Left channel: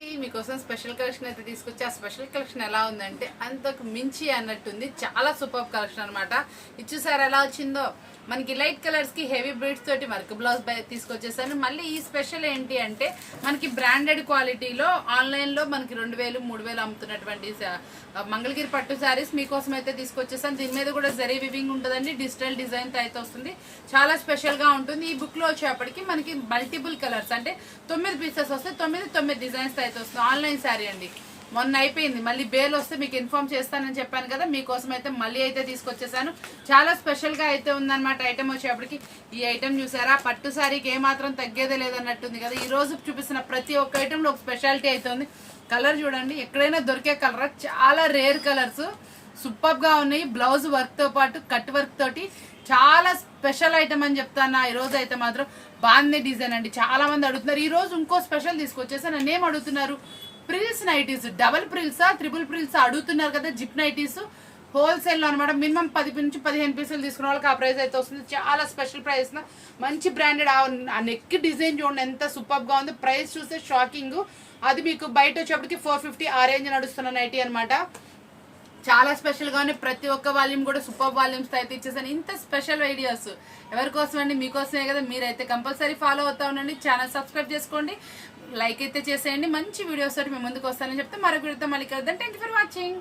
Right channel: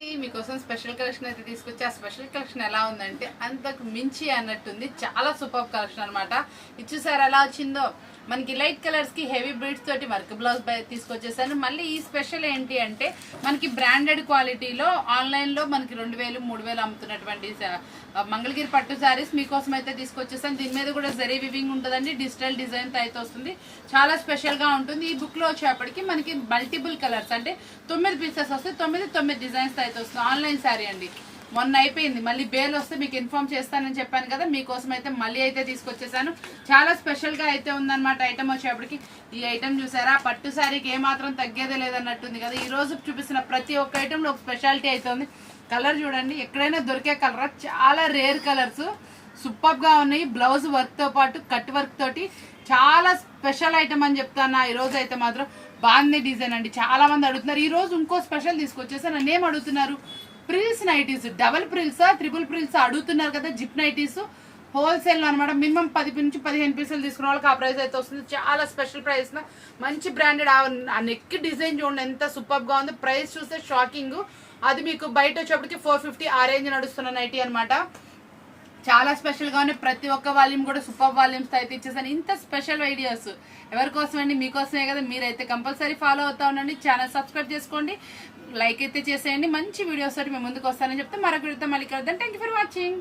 మీకోసం special collection అయితే తీసుకొచ్చి ఆ స్పెషల్ కలెక్షన్ ఎలా ఉందంటే అంతకు మించి అన్నట్టుంది. చాలా సూపర్ కలెక్షన్ అనమాట. ఇచ్చేసారి ఎలా వచ్చిందో మనకి లైట్ కలర్స్ కి హెవీ బ్రీడ్స్ తోటి వర్క్ బ్లౌజ్ తీసుకొచ్చేసాను. మళ్ళీ ఈ స్పెషల్ ఏంటి అంటే మనకి బ్రాండెడ్ క్వాలిటీలో ఆన్లైన్ లో మనకి 2000, 3000 అమ్ముతున్నటువంటి మంగళగిరి పట్టు శారీస్ మీకోసం అయితే తీసుకొచ్చేసాను. దీని మీద కూడా జరీ వివింగ్ ఉంటుందండి. డిజిటల్ డిజైన్ తో అయితే వస్తుంది. చాలా స్పెషల్ గా ఉంటుంది. ఈ బుక్ లో వచ్చేప్పటికి మనకి మల్టిపుల్ కలర్స్ అంటే 9 పీసెస్ వస్తాయి. 9 డిజైన్స్ తో అయితే వస్తుంది. ఆన్లైన్ శారీ అండి. మొన్న అయిపోయింది. మళ్ళీ బేల్ వస్తే మీకు ఇన్ఫార్మ్ చేస్తానని చెప్పాను కదా. మీకోసం అయితే మళ్ళీ అయితే తీసుకొచ్చేసాను. చాలా స్పెషల్ గా అయితే ఉందన్నమాట. ఐటమ్ వచ్చేప్పటికి ఈ ఐటమ్ చూసారా, పట్టు శారీకి ఏమాత్రం తగ్గేదే లేదన్నట్టుంది కదా. ఈ రోజు చూపిస్తున్న ప్రతి ఒక్క ఐటమ్ లో ఒక స్పెషాలిటీ అయితే ఉంది. కలర్ చూడండి, ఎక్కడైనా దొరికే కలర్. చాలా రేర్ కలర్స్, సూపర్ గా ఉన్నాయి. బ్లౌజ్ వర్క్ తో పాటు కట్ వర్క్ తోటి చాలా స్పెషల్ ఐటమ్ అని చెప్తాను. ఈ రోజు అయితే మాత్రం బాగుంది డిజైన్ అండి. చాలా మంది అడుగుతున్నారు. ఈ రోజు ఇంకో స్పెషల్ తీసుకొచ్చేసా. నన్ను ఏం అడుగుతున్నారు, ప్రిల్స్ నైటీస్, డబుల్ ప్రిల్సా, ట్రిపుల్ ప్రిల్సా అడుగుతున్నారు కదా. జిప్ నైటీస్ హోల్సేల్ లో అనమాట. మినిమం 10 నుంచి 15 పీసులు తీసుకున్న వాళ్ళకి ఆ ప్రైస్ అయితే వస్తుంది. చాలా స్పెషల్ ప్రైస్, మంచి బ్రాండెడ్. ఆ నెక్ డిజైన్ చూడండి ఎంత సూపర్ గా ఉంది. ప్రైస్ చూస్తే షాకింగ్. అది మీకు బయట వచ్చేప్పటికి 450 ఆ రేంజ్ నడుస్తున్న నైటీ అనమాట. చాలా స్పెషల్ గా ఉన్నాయి. ప్రతి ఒక్క వాల్యూమ్ కూడా సూపర్ వాల్యూమ్స్ అయితే ఇచ్చేసాను. ఇంత స్పెషల్ వీడియోస్ ఎవరి కోసం అండి? మీకోసమే కదా. మీరైతే కంపల్సరీ ఫాలో అవుతా ఉండండి. ఛానల్ సబ్స్క్రైబ్ చేసుకోండి, లైక్ అయితే చేసేయండి. మంచి వీడియోస్ తోటి మేము ముందుకు వస్తానని చెప్తే మరొక వీడియోతో మళ్ళీ కలుద్దాం. Thank you for watching.